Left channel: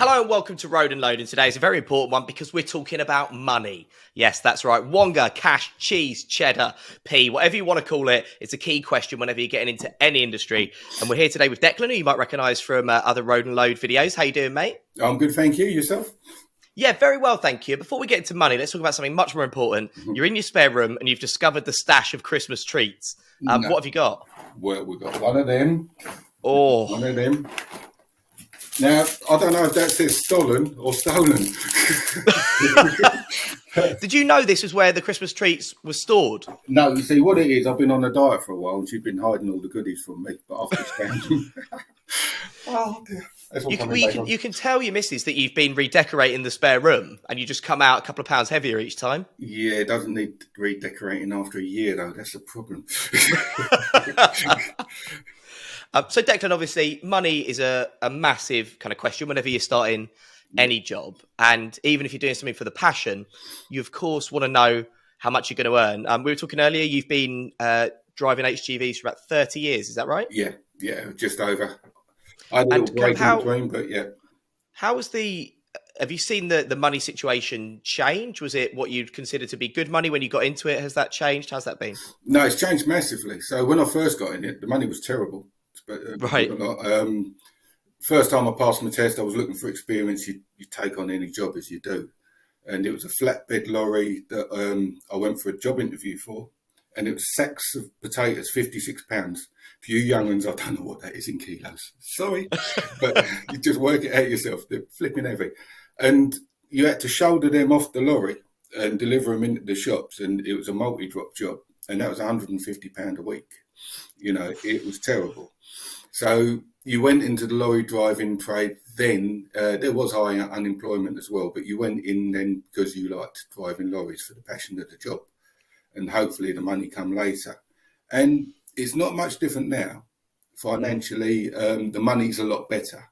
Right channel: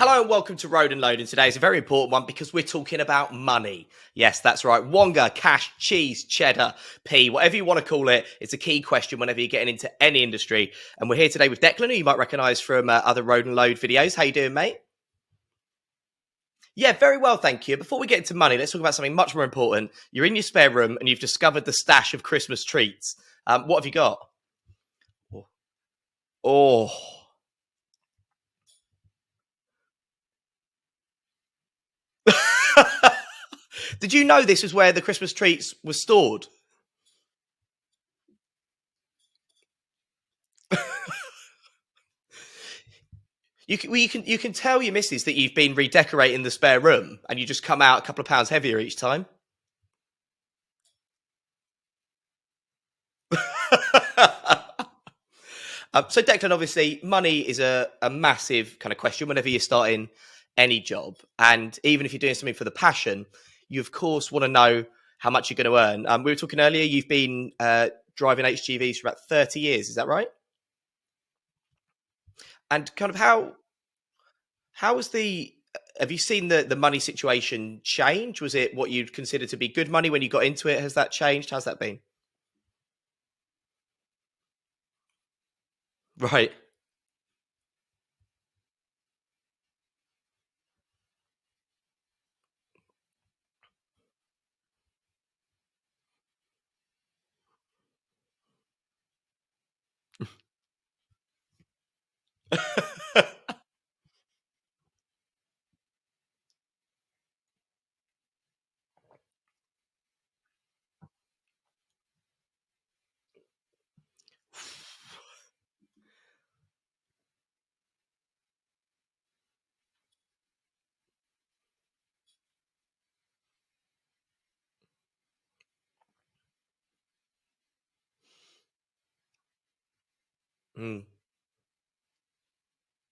Hello and welcome to Road and Load, and today is a very important one because we're talking about money. Yes, that's right. Wonga, cash, cheese, cheddar, P, whatever you want to call it. It's a key question whenever you're getting into any industry. And we're here today with Declan, who you might recognise from other Road and Load videos. How you doing, mate? I'm good, thank you. Yourself? Yeah, very well, thank you. Before we get into money, let's talk about something much more important. You're in your spare room and you've discovered the stash of Christmas treats. No. What have you got? Well, we've got one of them. Oh, One of them. Now, I don't know if that says stolen or stolen. did you know this was where the Christmas treats were stored? No, you see, what it is, I've been on a diet for a while and she's been hiding all the goodies from me, but I've just found them. Oh, dear. You can tell your missus that you've been redecorating the spare room and you just come out a couple of pounds heavier each time. Yeah, it doesn't need redecorating after a year, though. That's the problem. So, Declan, obviously, money is a massive kind of question whenever you're starting any job. And even if you're doing something for the passion, you, of course, want to know how much you're going to earn. We were talking earlier, you've been driving HGVs for about 30 years. Is that right? Yeah, just over. I had a And little kind of break in between, but yeah. How was have you seen the money situation change? Was it what you'd consider to be good money when you got into it? Has that changed? How's that been? No, it's changed massively. So when I first got in it, the money was terrible. Right. First time I passed my test, I was looking for experience. You take on any job as you do. And it was a flatbed lorry that I went for a job interview for. And it was sacks of potatoes, £56. For you young ones, I don't know what that is in kilos. Sorry. But you just work it out yourself. They're flipping heavy. And you had to shoulder them off the lorry and deliver them into the shops. And it was a multi-drop job. And that was £150 a week. You know, it was terrible. So you went into the lorry driving trade then. There was high unemployment as well, but you went in then because you liked driving lorries for the passion of the job. And hopefully the money come later. And it's not much different now. Financially, the money's a lot better.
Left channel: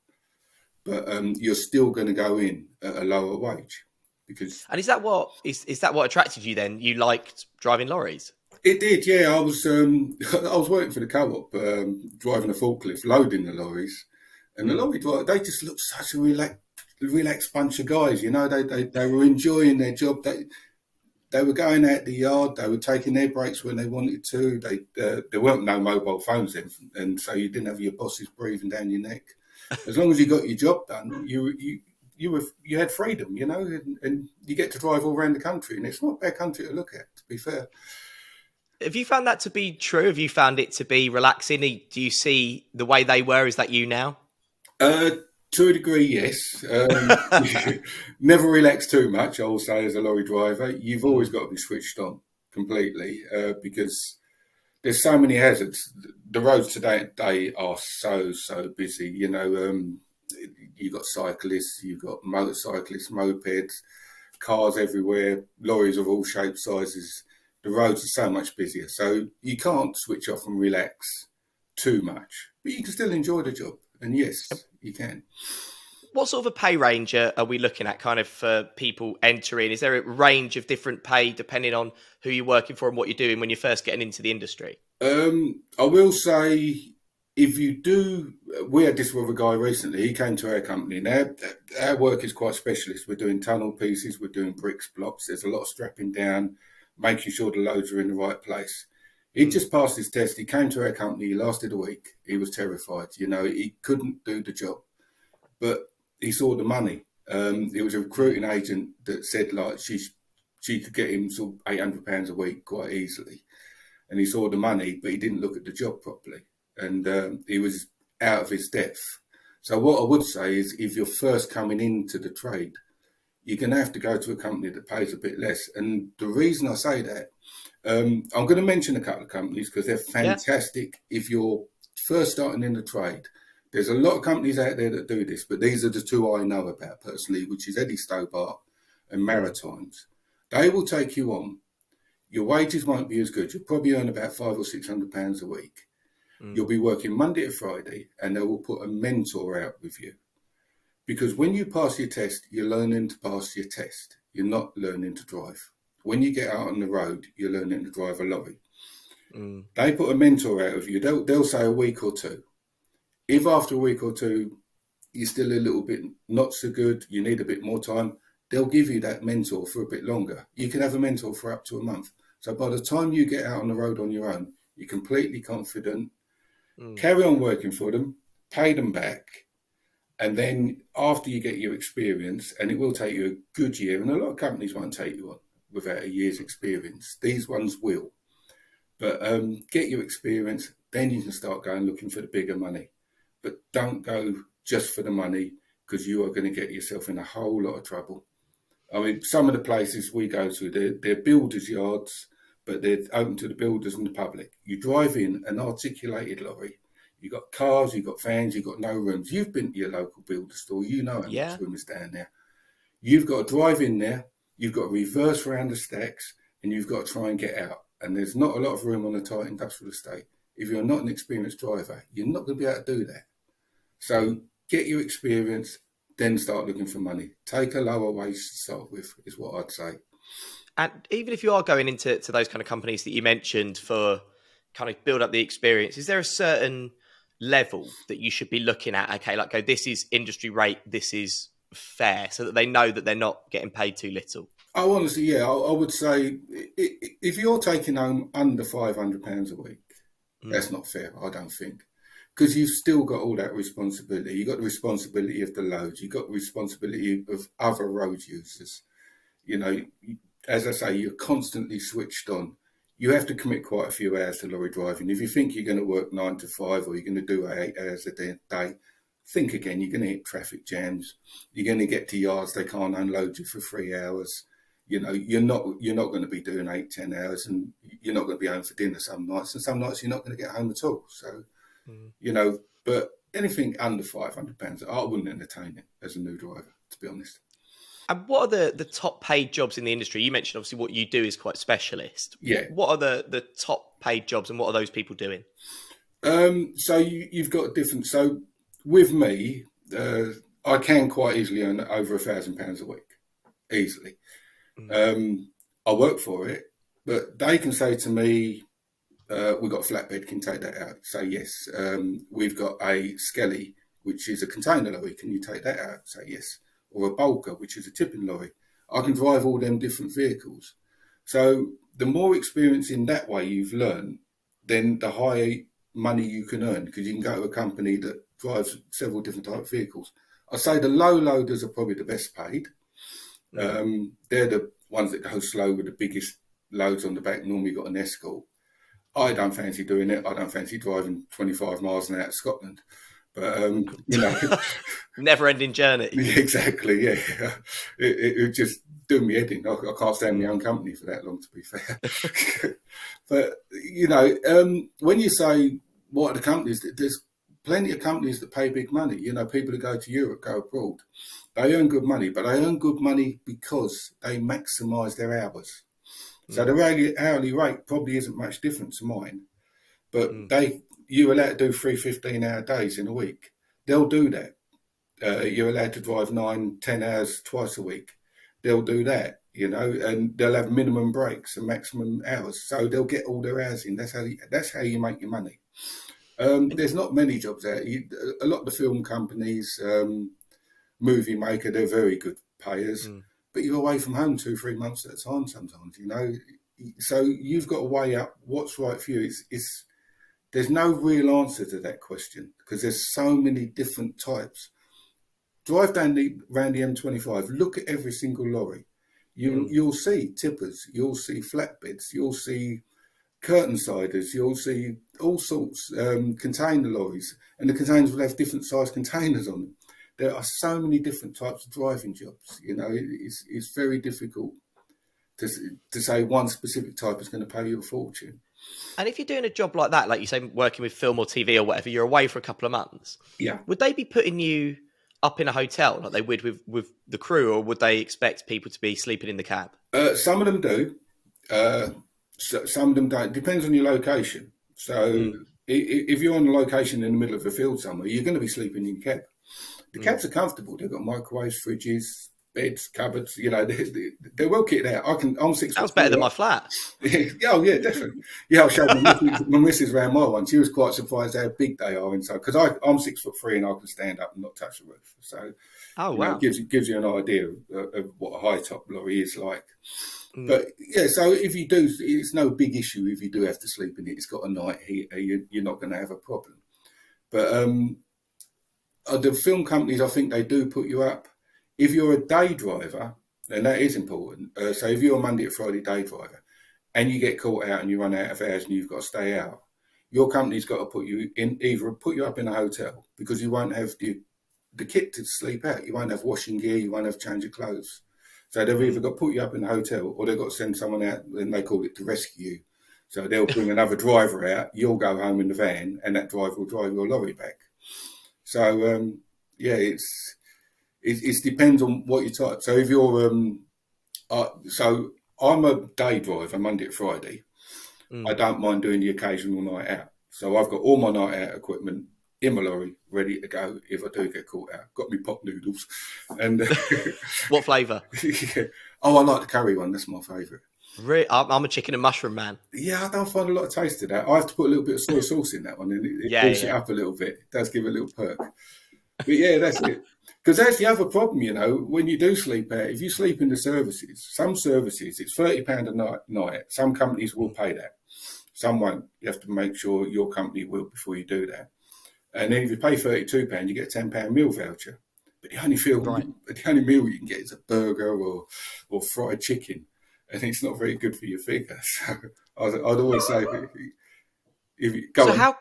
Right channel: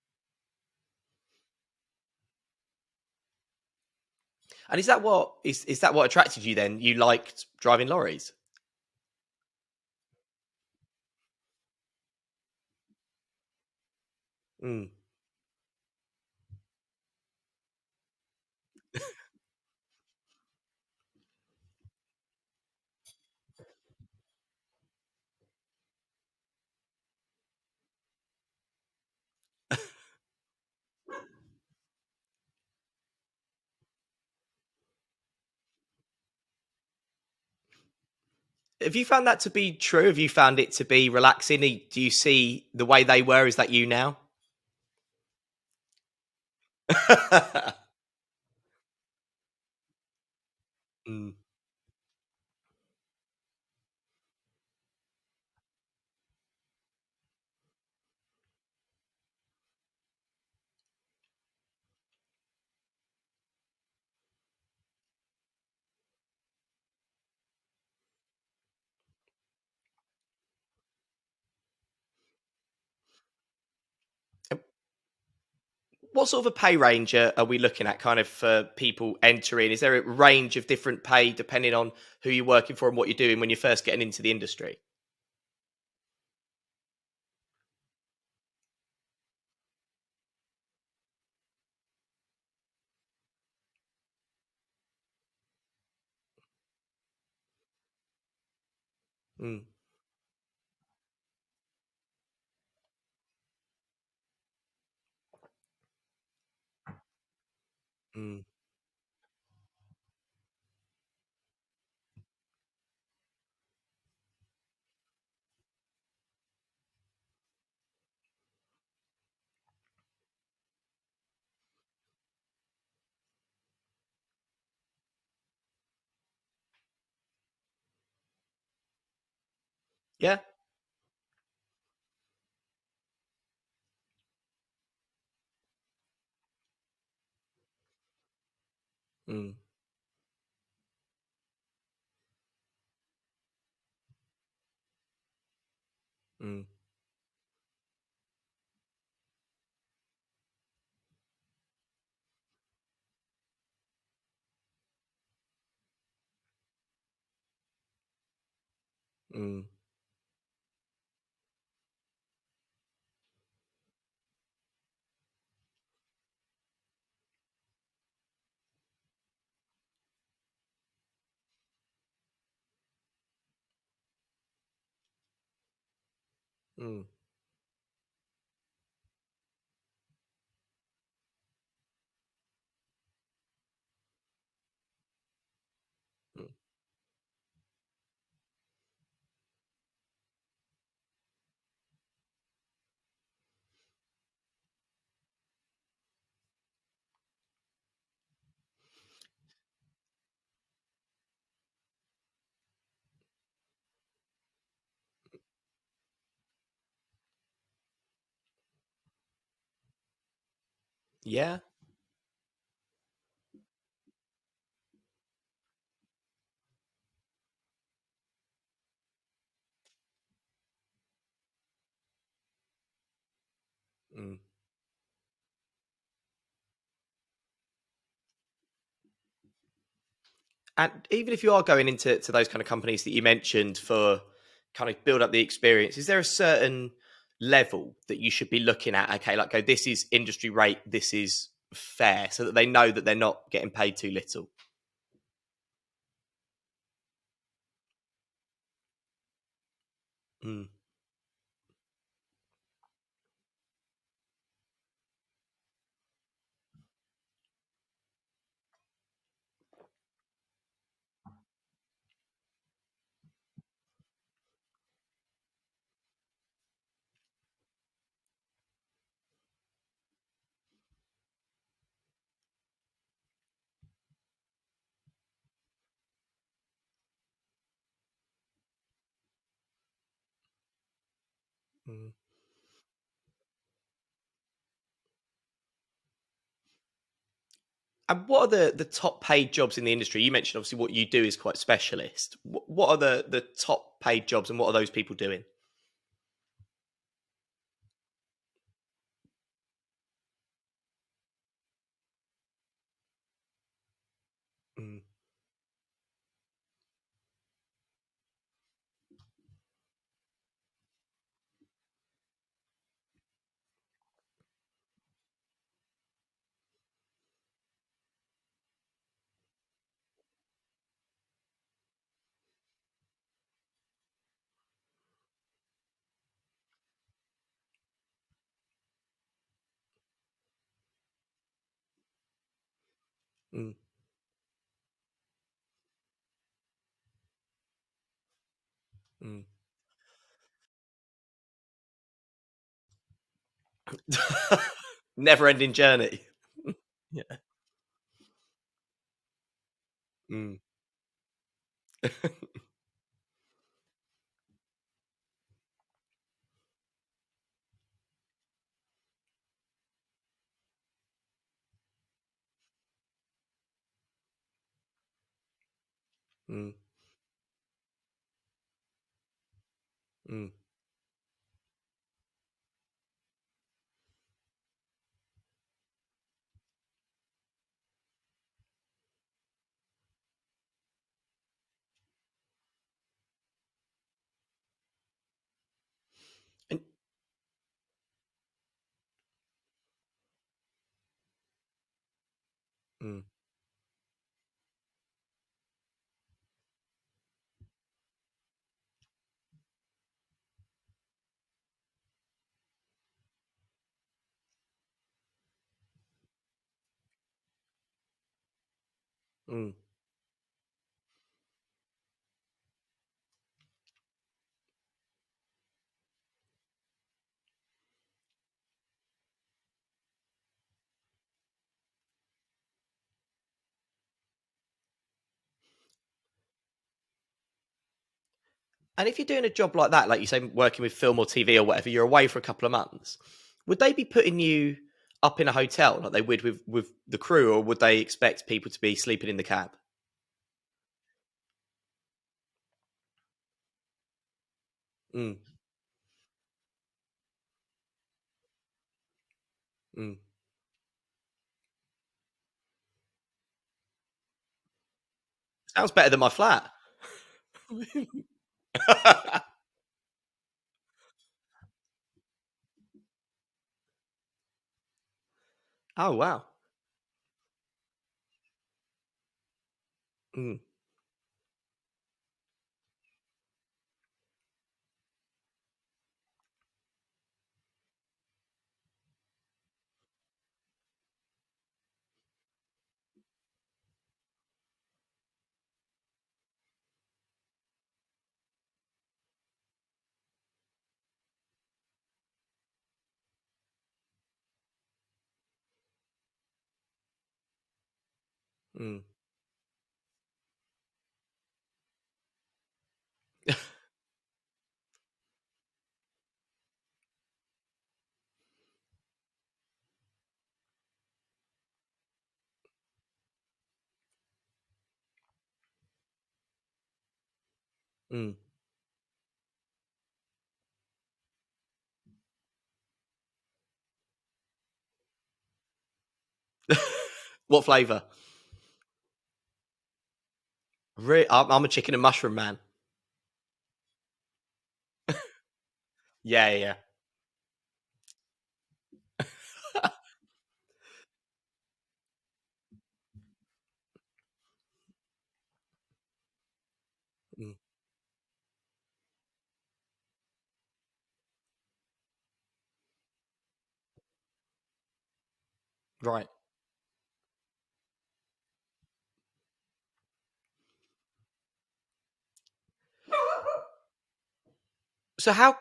But you're still going to go in at a lower wage. And is that what attracted you then? You liked driving lorries? It did, yeah. I was working for the co-op, driving a forklift, loading the lorries, and the lorry driver, they just looked such a relaxed bunch of guys. You know, they were enjoying their job. They were going out the yard. They were taking their breaks when they wanted to. There weren't no mobile phones then, and so you didn't have your bosses breathing down your neck. As long as you got your job done, you had freedom, you know, and you get to drive all around the country, and it's not a bad country to look at, to be fair. Have you found that to be true? Have you found it to be relaxing? Do you see the way they were? Is that you now? To a degree, yes. Never relax too much, I will say, as a lorry driver. You've always got to be switched on completely because there's so many hazards. The roads today are so busy. You know, you've got cyclists, you've got motorcyclists, mopeds, cars everywhere, lorries of all shapes, sizes. The roads are so much busier, so you can't switch off and relax too much, but you can still enjoy the job. And yes, you can. What sort of a pay range are we looking at kind of for people entering? Is there a range of different pay depending on who you're working for and what you're doing when you're first getting into the industry? I will say, if you do, we had this with a guy recently. He came to our company. Now, our work is quite specialist. We're doing tunnel pieces, we're doing bricks, blocks. There's a lot of strapping down, making sure the loads are in the right place. He just passed his test. He came to our company. He lasted a week. He was terrified. You know, he couldn't do the job, but he saw the money. It was a recruiting agent that said like she could get him sort of £800 a week quite easily, and he saw the money, but he didn't look at the job properly, and he was out of his depth. So what I would say is, if you're first coming into the trade, you're going to have to go to a company that pays a bit less. And the reason I say that, I'm going to mention a couple of companies because they're fantastic. Yeah. If you're first starting in the trade, there's a lot of companies out there that do this, but these are the two I know about personally, which is Eddie Stobart and Maritimes. They will take you on. Your wages won't be as good. You'll probably earn about £500 or £600 a week. You'll be working Monday to Friday, and they will put a mentor out with you. Because when you pass your test, you're learning to pass your test. You're not learning to drive. When you get out on the road, you're learning to drive a lorry. They put a mentor out of you. They'll say a week or two. If after a week or two you're still a little bit not so good, you need a bit more time, they'll give you that mentor for a bit longer. You can have a mentor for up to a month. So by the time you get out on the road on your own, you're completely confident, Mm. carry on working for them, pay them back. And then after you get your experience, and it will take you a good year, and a lot of companies won't take you on without a year's experience. These ones will. But get your experience, then you can start going looking for the bigger money. But don't go just for the money, because you are going to get yourself in a whole lot of trouble. I mean, some of the places we go to, they're builders' yards, but they're open to the builders and the public. You drive in an articulated lorry. You've got cars, you've got vans, you've got no rooms. You've been to your local builder store. You know how much Yeah. room is down there. You've got to drive in there. You've got to reverse around the stacks, and you've got to try and get out. And there's not a lot of room on a tight industrial estate. If you're not an experienced driver, you're not going to be able to do that. So get your experience, then start looking for money. Take a lower wage to start with, is what I'd say. And even if you are going into those kind of companies that you mentioned for kind of build up the experience, is there a certain level that you should be looking at? Okay, like go, this is industry rate, this is fair, so that they know that they're not getting paid too little. Oh, honestly, yeah, I would say if you're taking home under £500 a week, that's not fair, I don't think. Because you've still got all that responsibility. You've got the responsibility of the loads. You've got the responsibility of other road users. You know, as I say, you're constantly switched on. You have to commit quite a few hours to lorry driving. If you think you're going to work 9 to 5 or you're going to do 8 hours a day, think again. You're going to hit traffic jams. You're going to get to yards they can't unload you for 3 hours. You know, you're not going to be doing 8, 10 hours, and you're not going to be home for dinner some nights, and some nights you're not going to get home at all. So, you know, but anything under £500, I wouldn't entertain it as a new driver, to be honest. And what are the top paid jobs in the industry? You mentioned obviously what you do is quite specialist. Yeah. What are the top paid jobs, and what are those people doing? So you've got different. So with me, I can quite easily earn over £1,000 a week, easily. I work for it, but they can say to me, we've got a flatbed, can you take that out? Say yes. We've got a skelly, which is a container lorry, can you take that out? Say yes. Or a bulker, which is a tipping lorry. I can drive all them different vehicles. So the more experience in that way you've learned, then the higher money you can earn, because you can go to a company that drives several different types of vehicles. I'd say the low loaders are probably the best paid. They're the ones that go slow with the biggest loads on the back, normally got an escort. I don't fancy doing it. I don't fancy driving 25 miles an hour to Scotland. But, you know. Never-ending journey. Exactly, yeah. It just do me head in. I can't stand my own company for that long, to be fair. But, you know, when you say, what are the companies? There's plenty of companies that pay big money. You know, people who go to Europe, go abroad. They earn good money, but they earn good money because they maximise their hours. So the hourly rate probably isn't much different to mine. But you're allowed to do 3 15-hour days in a week. They'll do that. You're allowed to drive 9, 10 hours twice a week. They'll do that, you know, and they'll have minimum breaks and maximum hours. So they'll get all their hours in. That's how you make your money. There's not many jobs out. A lot of the film companies, movie maker, they're very good payers. But you're away from home 2, 3 months at a time sometimes, you know. So you've got to weigh up what's right for you. There's no real answer to that question because there's so many different types. Drive around the M25, look at every single lorry. You'll see tippers, you'll see flatbeds, you'll see curtain siders, you'll see all sorts, container lorries, and the containers will have different size containers on them. There are so many different types of driving jobs. You know, it's very difficult to say one specific type is going to pay you a fortune. And if you're doing a job like that, like you say, working with film or TV or whatever, you're away for a couple of months. Yeah. Would they be putting you up in a hotel like they would with the crew, or would they expect people to be sleeping in the cab? Some of them do. Some of them don't. Depends on your location. So if you're on a location in the middle of a field somewhere, you're going to be sleeping in cab. The cabs are comfortable. They've got microwaves, fridges, beds, cupboards. You know, they're well kitted out. I'm Sounds better 6'3". than my flat. Yeah, oh yeah, definitely. Yeah, I showed my missus around my one. She was quite surprised how big they are inside because I'm 6'3" and I can stand up and not touch the roof. So Oh you know, it wow. gives you an idea of what a high top lorry is like. Mm, But yeah, so if you do, it's no big issue if you do have to sleep in it. It's got a night heater. You're not going to have a problem. But the film companies, I think they do put you up. If you're a day driver, then that is important. So if you're a Monday to Friday day driver and you get caught out and you run out of hours and you've got to stay out, your company's got to put you in, either put you up in a hotel because you won't have the kit to sleep out. You won't have washing gear. You won't have change of clothes. So they've either mm. got to put you up in a hotel or they've got to send someone out, and they call it to rescue you. So they'll bring another driver out. You'll go home in the van, and that driver will drive your lorry back. So yeah, it depends on what you type. So if you're so I'm a day driver Monday to Friday. I Mm. don't mind doing the occasional night out. So I've got all my night out equipment in my lorry ready to go if I do get caught out. Got me pot noodles, and What flavour? yeah. Oh, I like the curry one. That's my favourite. I'm a chicken and mushroom man. Yeah, I don't find a lot of taste to that. I have to put a little bit of soy sauce in that one, and it Yeah, boosts it yeah. up a little bit. It does give it a little perk. But yeah, that's it. Because that's the other problem, you know, when you do sleep out, if you sleep in the services, some services, it's £30 a night. Some companies will Mm. pay that. Some won't. You have to make sure your company will before you do that. And then if you pay £32, you get a £10 meal voucher. But Right. the only meal you can get is a burger or fried chicken. And it's not very good for your figure. So I'd always say, if you go So on.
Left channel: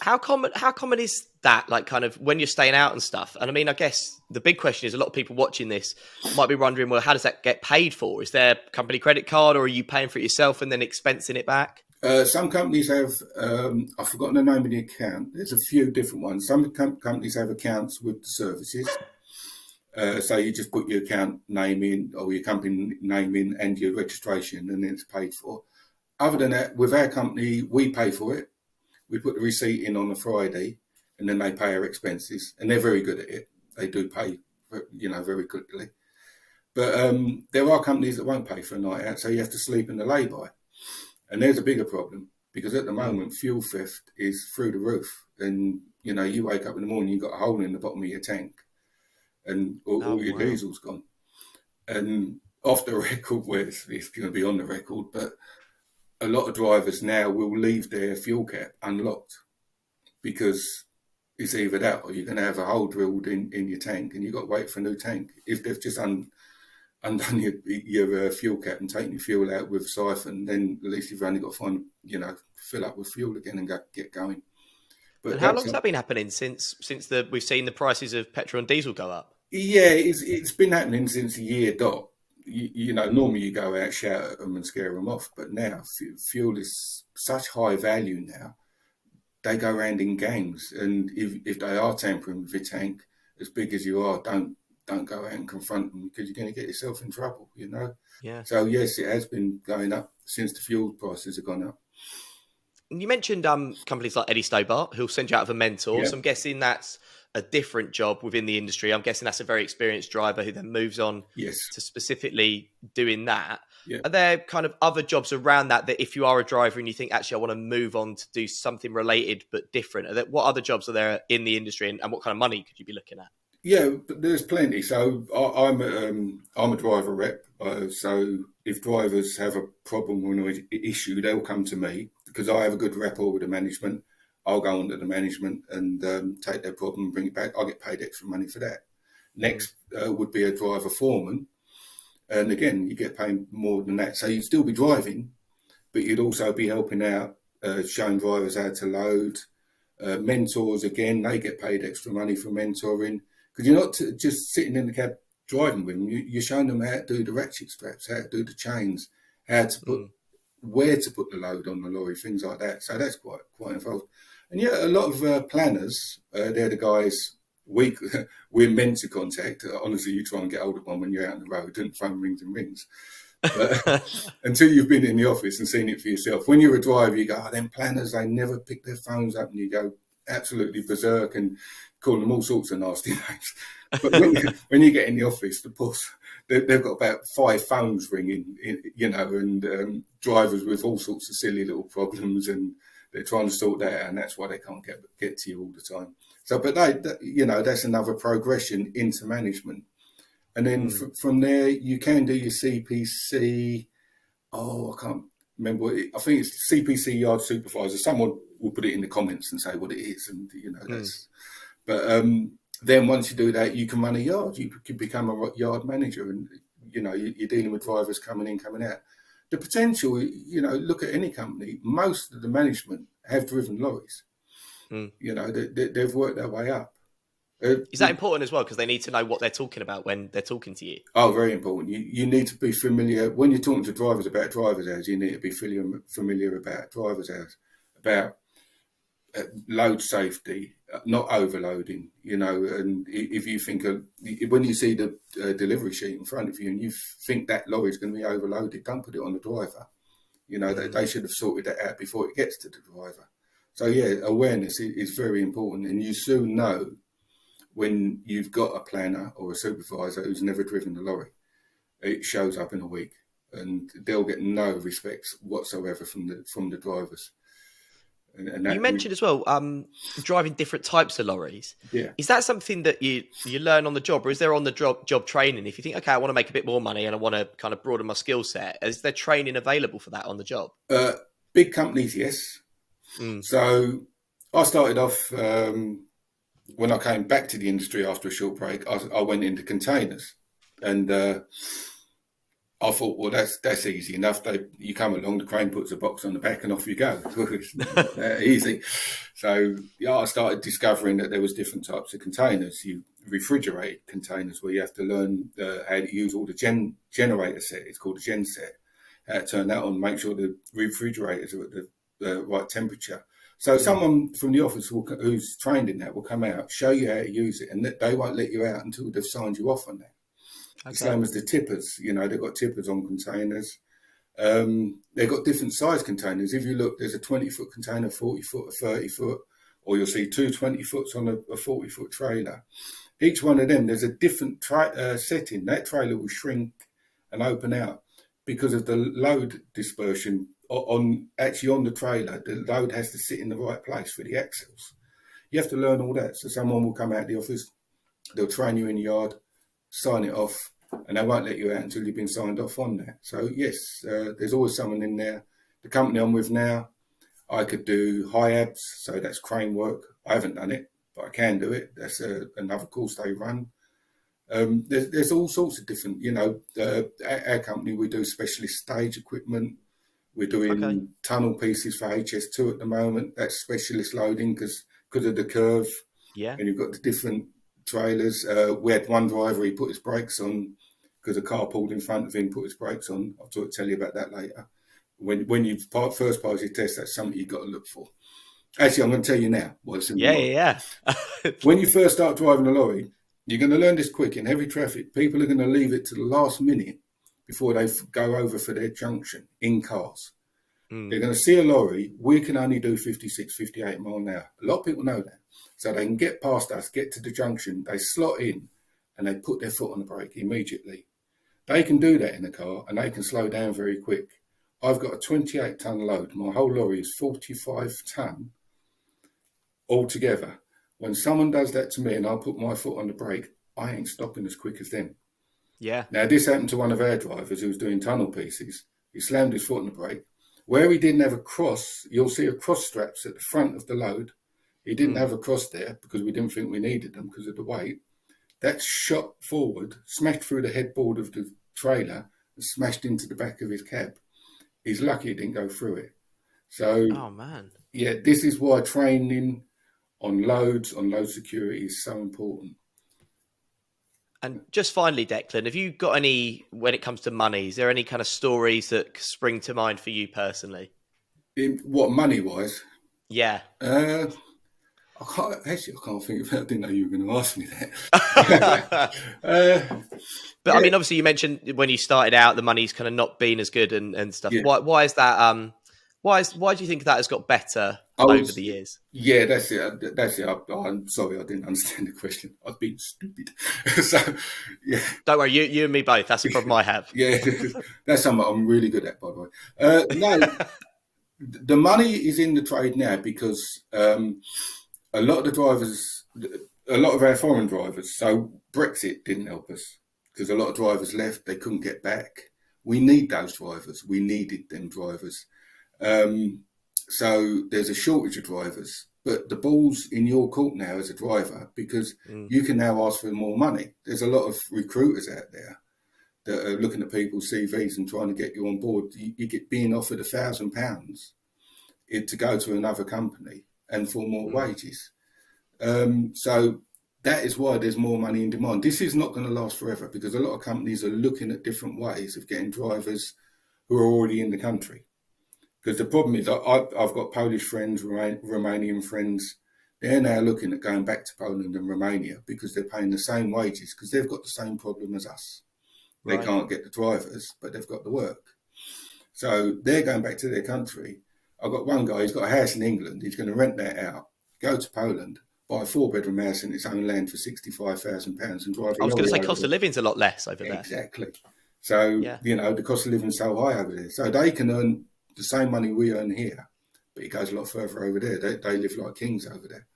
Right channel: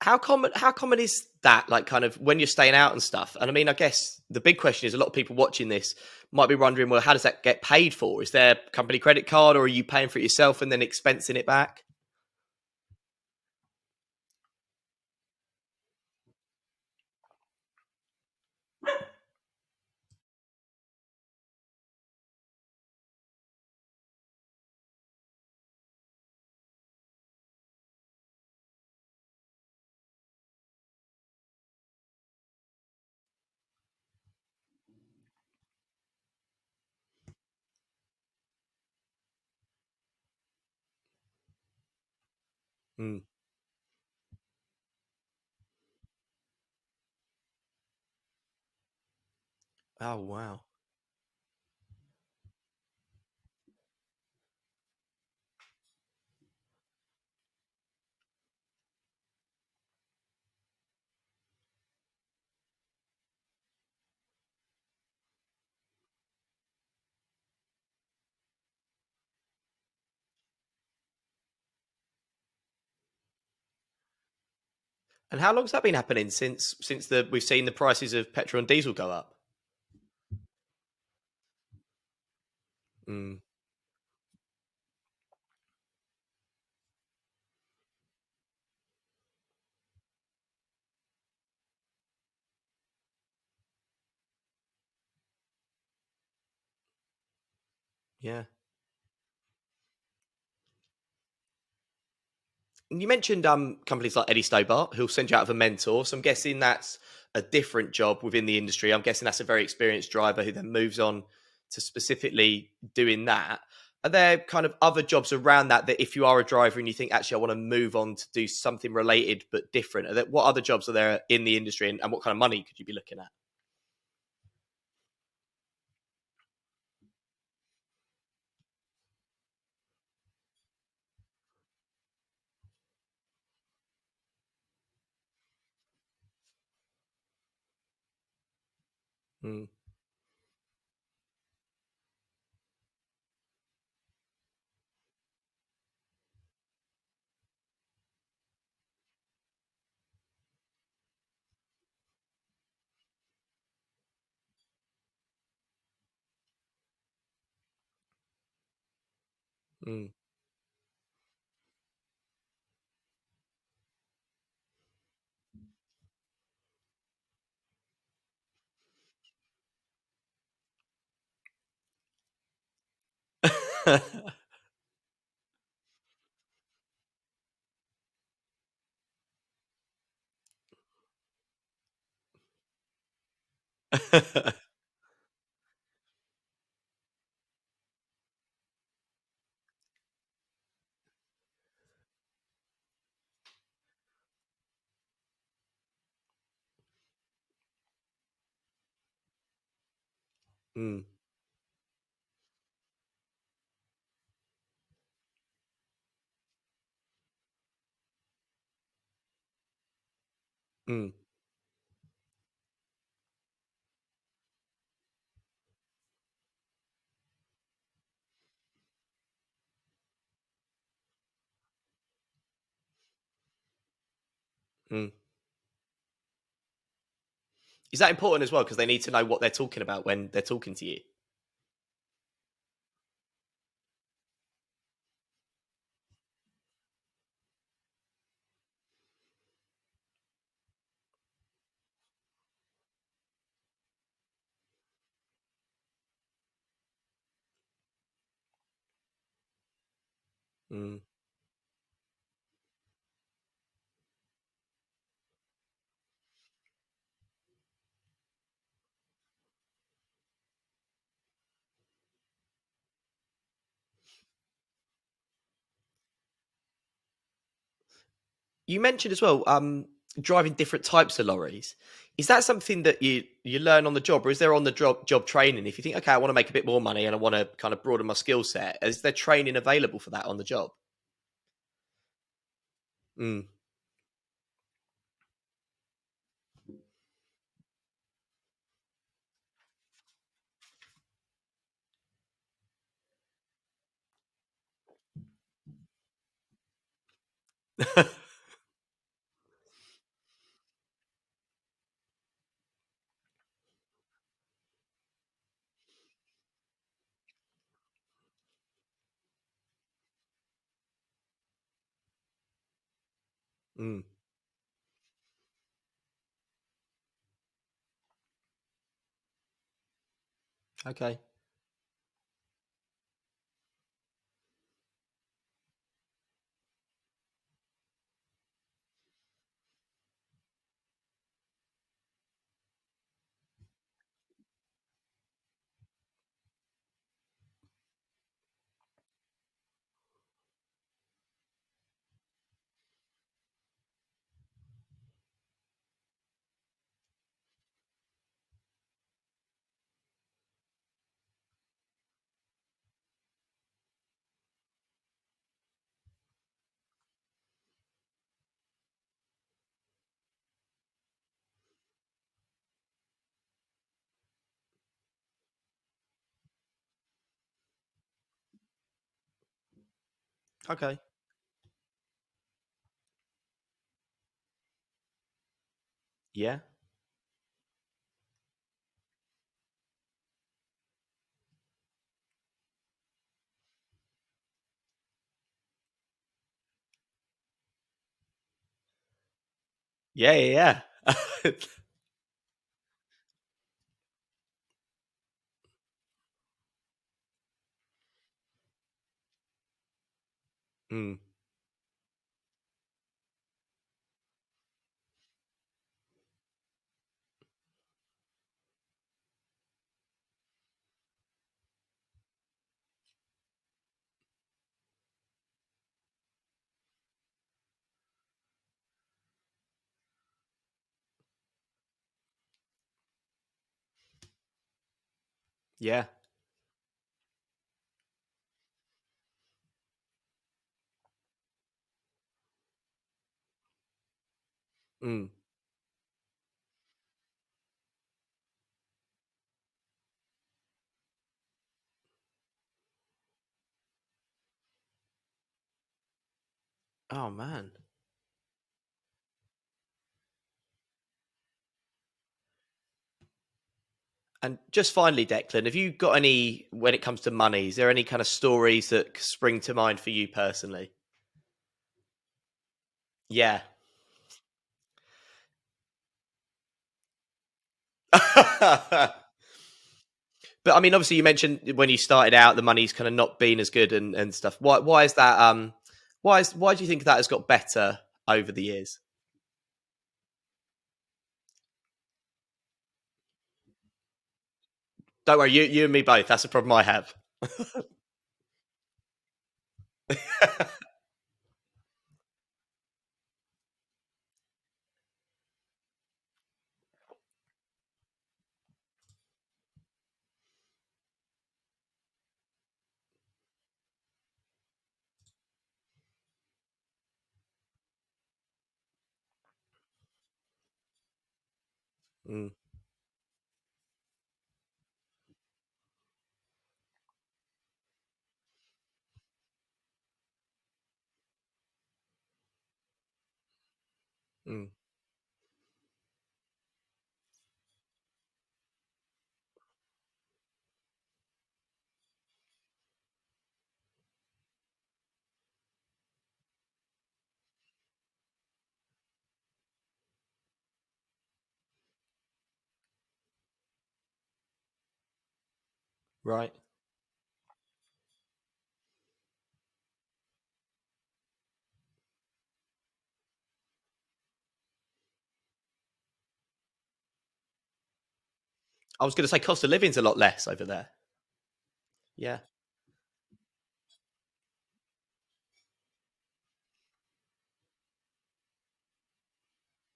how common is that? Like, kind of when you're staying out and stuff. And I mean, I guess the big question is a lot of people watching this might be wondering, well, how does that get paid for? Is there a company credit card, or are you paying for it yourself and then expensing it back? Some companies have, I've forgotten the name of the account. There's a few different ones. Some companies have accounts with the services. So you just put your account name in or your company name in and your registration, and then it's paid for. Other than that, with our company, we pay for it. We put the receipt in on a Friday, and then they pay our expenses, and they're very good at it. They do pay, very quickly. But there are companies that won't pay for a night out, so you have to sleep in the lay-by. And there's a bigger problem because at the Mm. moment, fuel theft is through the roof. And, you wake up in the morning, you've got a hole in the bottom of your tank and Oh all your wow. diesel's gone. And off the record, where it's going to be on the record, but a lot of drivers now will leave their fuel cap unlocked because it's either that or you're going to have a hole drilled in your tank and you've got to wait for a new tank. If they've just undone your fuel cap and taken your fuel out with a siphon, then at least you've only got to fill up with fuel again and get going. But And how that's long's that been happening since we've seen the prices of petrol and diesel go up? yeah, it's been happening since a year dot. Mm. Normally you go out, shout at them and scare them off, but now fuel is such high value now. They go around in gangs, and if they are tampering with your tank, as big as you are, don't go out and confront them because you're going to get yourself in trouble. Yeah. So yes, it has been going up since the fuel prices have gone up. And you mentioned companies like Eddie Stobart who'll send you out with a mentor. Yeah. So I'm guessing that's a different job within the industry. I'm guessing that's a very experienced driver who then moves on Yes. to specifically doing that. Yeah. Are there kind of other jobs around that if you are a driver and you think, actually, I want to move on to do something related but different? What other jobs are there in the industry, and what kind of money could you be looking at? Yeah, but there's plenty. So I'm a driver rep. So if drivers have a problem or an issue, they'll come to me because I have a good rapport with the management. I'll go on to the management and take their problem and bring it back. I get paid extra money for that. Mm. Next would be a driver foreman. And again, you get paid more than that. So you'd still be driving, but you'd also be helping out, showing drivers how to load. Mentors, again, they get paid extra money for mentoring because you're not just sitting in the cab driving with them. You're showing them how to do the ratchet straps, how to do the chains, how to put Mm. where to put the load on the lorry, things like that. So that's quite involved. And yeah, a lot of planners, they're the guys we're meant to contact. Honestly, you try and get hold of one when you're out on the road and phone rings and rings. But until you've been in the office and seen it for yourself, when you're a driver, you go, them planners, they never pick their phones up, and you go absolutely berserk and call them all sorts of nasty names. But when you get in the office, the boss, they've got about 5 phones ringing, and drivers with all sorts of silly little problems, and they're trying to sort that out, and that's why they can't get to you all the time. So, but that's another progression into management, and then from there you can do your CPC. Oh, I can't remember. I think it's CPC yard supervisor. Someone will put it in the comments and say what it is, and that's. But then once you do that, you can run a yard. You can become a yard manager, and you're dealing with drivers coming in, coming out. The potential, look at any company. Most of the management have driven lorries. They've worked their way up. Is that important as well? Because they need to know what they're talking about when they're talking to you. Oh, very important. You need to be familiar when you're talking to drivers about driver's hours. You need to be familiar about driver's hours, about load safety, not overloading. And if you think when you see the delivery sheet in front of you and you think that lorry is going to be overloaded, don't put it on the driver. They should have sorted that out before it gets to the driver. So yeah, awareness is very important, and you soon know when you've got a planner or a supervisor who's never driven a lorry. It shows up in a week, and they'll get no respect whatsoever from the drivers. And you mentioned as well driving different types of lorries. Yeah. Is that something that you learn on the job, or is there on the job training? If you think, okay, I want to make a bit more money and I want to kind of broaden my skill set, is there training available for that on the job? Big companies, yes. So I started off when I came back to the industry after a short break. I went into containers, and I thought, well, that's easy enough. You come along, the crane puts a box on the back, and off you go. It's not that easy. So yeah, I started discovering that there was different types of containers. You refrigerated containers where you have to learn how to use all the generator set. It's called a gen set. How to turn that on, make sure the refrigerators are at the right temperature. So someone from the office who's trained in that will come out, show you how to use it, and they won't let you out until they've signed you off on that. Okay. Same as the tippers, they've got tippers on containers. They've got different size containers. If you look, there's a 20-foot container, 40-foot, a 30-foot, or you'll see 2 20-foots on a 40-foot trailer. Each one of them, there's a different setting. That trailer will shrink and open out because of the load dispersion on the trailer. The load has to sit in the right place for the axles. You have to learn all that. So someone will come out of the office, they'll train you in the yard, sign it off, and they won't let you out until you've been signed off on that. So yes, there's always someone in there. The company I'm with now, I could do high abs, so that's crane work. I haven't done it, but I can do it. That's another course they run. There's all sorts of different, our company, we do specialist stage equipment. We're doing tunnel pieces for HS2 at the moment. That's specialist loading because of the curve. Yeah. And you've got the different trailers. We had one driver, he put his brakes on because a car pulled in front of him, put his brakes on. I'll tell you about that later. When you first pass your test, that's something you've got to look for. Actually, I'm going to tell you now what's in the lorry. Yeah. When you first start driving a lorry, you're going to learn this quick. In heavy traffic, people are going to leave it to the last minute before they go over for their junction in cars. They're going to see a lorry. We can only do 56, 58 mile an hour. A lot of people know that. So they can get past us, get to the junction, they slot in, and they put their foot on the brake immediately. They can do that in a car, and they can slow down very quick. I've got a 28-ton load. My whole lorry is 45-ton altogether. When someone does that to me and I put my foot on the brake, I ain't stopping as quick as them. Yeah. Now, this happened to one of our drivers who was doing tunnel pieces. He slammed his foot on the brake. Where he didn't have a cross, you'll see a cross straps at the front of the load. He didn't have a cross there because we didn't think we needed them because of the weight. That shot forward, smashed through the headboard of the trailer and smashed into the back of his cab. He's lucky he didn't go through it. So, oh man, yeah, this is why training on load security is so important. And just finally, Declan, have you got any, when it comes to money, is there any kind of stories that spring to mind for you personally? What, money-wise? Yeah. I can't think of it. I didn't know you were going to ask me that. But I mean, obviously you mentioned when you started out, the money's kind of not been as good and stuff. Yeah. Why is that? Why do you think that has got better I over was, the years? yeah, that's it. That's it. I'm sorry, I didn't understand the question. I've been stupid. So, yeah, Don't worry, you and me both. That's the problem I have. yeah, that's something I'm really good at, by the way. No, the money is in the trade now because a lot of the drivers, a lot of our foreign drivers, so Brexit didn't help us because a lot of drivers left, they couldn't get back. We need those drivers. We needed them drivers. Um, so there's a shortage of drivers, but the ball's in your court now as a driver because Mm, you can now ask for more money. There's a lot of recruiters out there that are looking at people's CVs and trying to get you on board. You get being offered £1,000 to go to another company and for more mm, wages. So that is why there's more money in demand. This is not going to last forever because a lot of companies are looking at different ways of getting drivers who are already in the country. Because the problem is, I've got Polish friends, Romanian friends. They're now looking at going back to Poland and Romania because they're paying the same wages because they've got the same problem as us. They right. can't get the drivers, but they've got the work. So they're going back to their country. I've got one guy, he's got a house in England. He's going to rent that out, go to Poland, buy a 4-bedroom house in its own land for £65,000 and drive a I was going to lorry say over cost of it. living's a lot less over there. Exactly. So, Yeah. the cost of living is so high over there. So they can earn the same money we earn here, but it goes a lot further over there. They live like kings over there,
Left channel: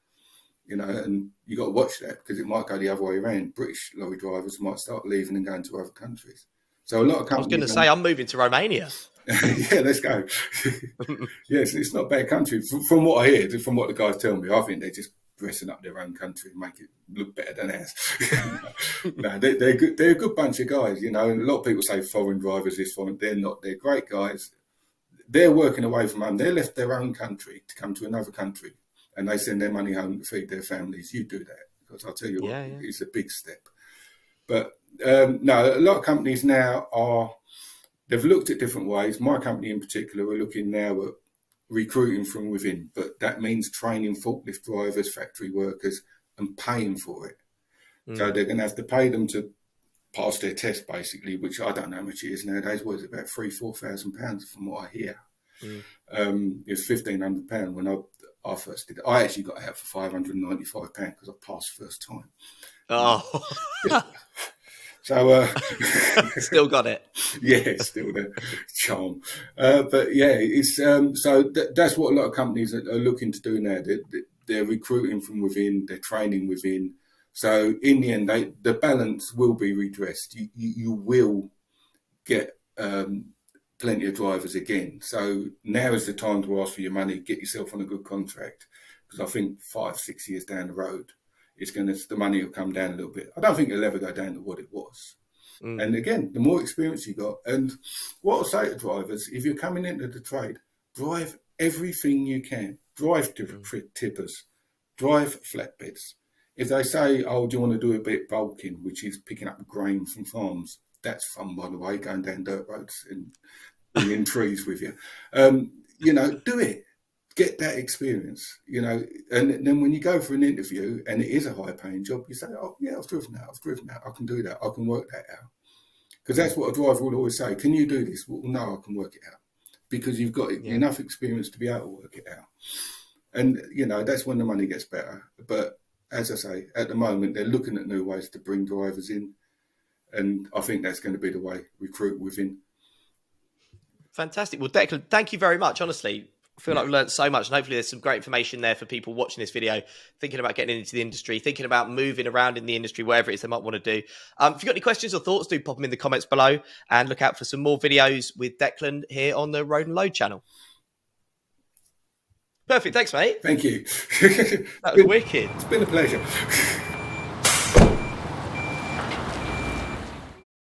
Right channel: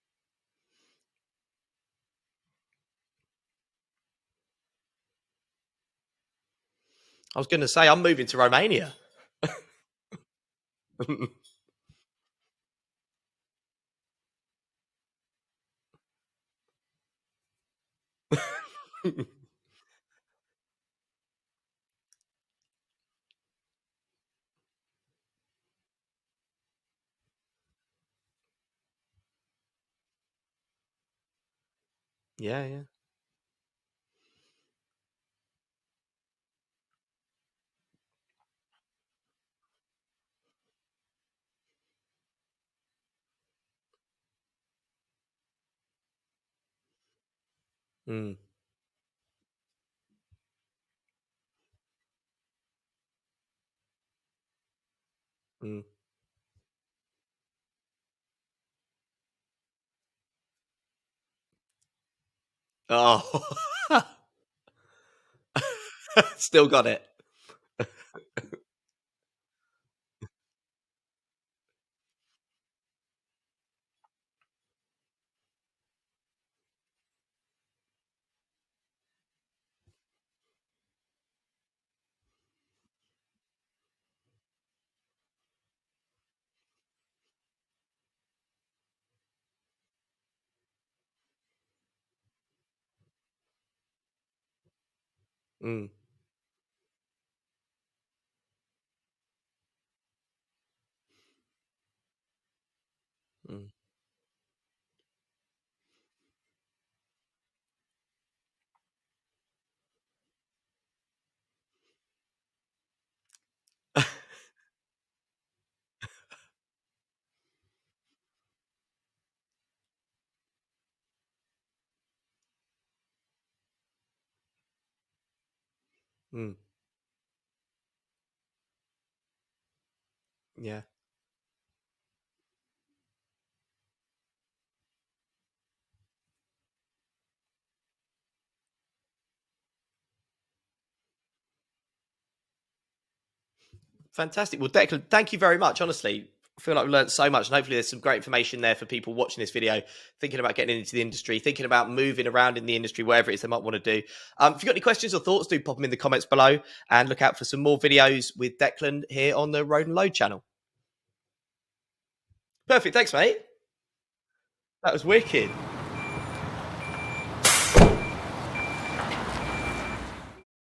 and you got to watch that because it might go the other way around. British lorry drivers might start leaving and going to other countries. So a lot of I was going companies to say I'm moving to Romania. yeah, let's go. Yes, it's not a bad country. From what I hear, from what the guys tell me, I think they're just dressing up their own country and make it look better than ours. No, they're good. They're a good bunch of guys, And a lot of people say foreign drivers, this foreign. They're not. They're great guys. They're working away from home. They left their own country to come to another country, and they send their money home to feed their families. You do that because I'll tell you what, Yeah, yeah. it's a big step. But no, a lot of companies now are. They've looked at different ways. My company in particular, we're looking now at recruiting from within, but that means training forklift drivers, factory workers, and paying for it. So Mm, they're going to have to pay them to pass their test, basically, which I don't know how much it is nowadays. What is it, about £3,000-4,000 from what I hear? mm. It was £1,500 when I first did it. I actually got out for £595 because I passed first time. Oh, So still got it. yeah, still the charm. But yeah, it's that's what a lot of companies are looking to do now. They're recruiting from within, they're training within. So in the end, the balance will be redressed. You will get plenty of drivers again. So now is the time to ask for your money, get yourself on a good contract, because I think 5-6 years down the road, the money will come down a little bit. I don't think it'll ever go down to what it was. Mm, And again, the more experience you got, and what I'll say to drivers, if you're coming into the trade, drive everything you can. Drive mm. tippers, drive flatbeds. If they say, "Oh, do you want to do a bit bulking," which is picking up grain from farms, that's fun, by the way, going down dirt roads and bringing trees with you. Do it. Get that experience, and then when you go for an interview and it is a high paying job, you say, "Oh, yeah, I've driven that, I can do that, I can work that out." Because that's Mm, what a driver will always say. Can you do this? Well, no, I can work it out. Because you've got yeah. enough experience to be able to work it out. And, that's when the money gets better. But as I say, at the moment, they're looking at new ways to bring drivers in. And I think that's going to be the way recruit within. Fantastic. Well, Declan, thank you very much. Honestly, I feel Yeah. like we've learned so much, and hopefully there's some great information there for people watching this video, thinking about getting into the industry, thinking about moving around in the industry, whatever it is they might want to do. If you've got any questions or thoughts, do pop them in the comments below, and look out for some more videos with Declan here on the Road and Load channel. Perfect. Thanks, mate. Thank you. That was wicked. It's been a pleasure.